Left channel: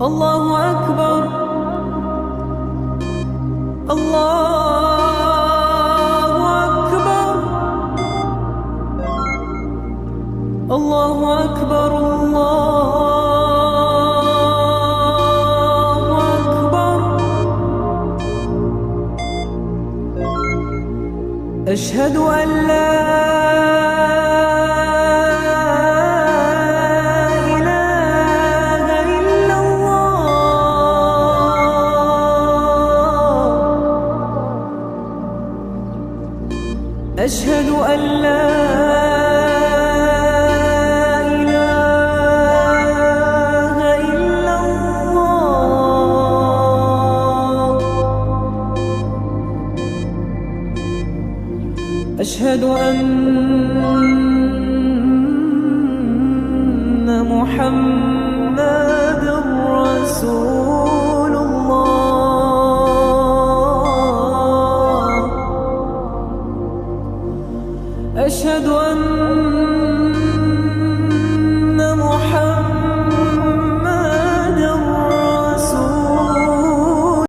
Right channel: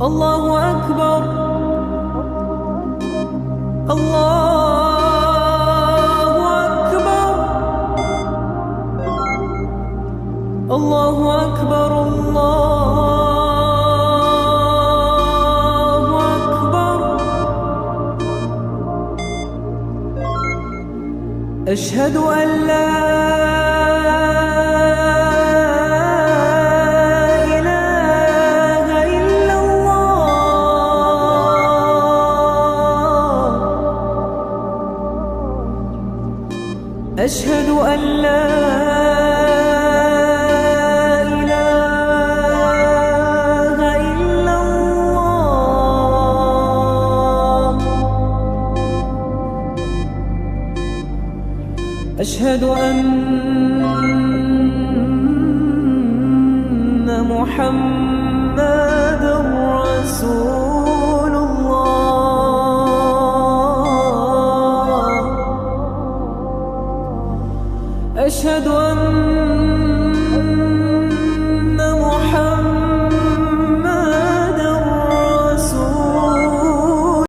الله أكبر الله أكبر الله أكبر الله أكبر. أشهد أن لا إله إلا الله. أشهد أن لا إله إلا الله. أشهد أن محمدًا رسول الله. أشهد أن محمدًا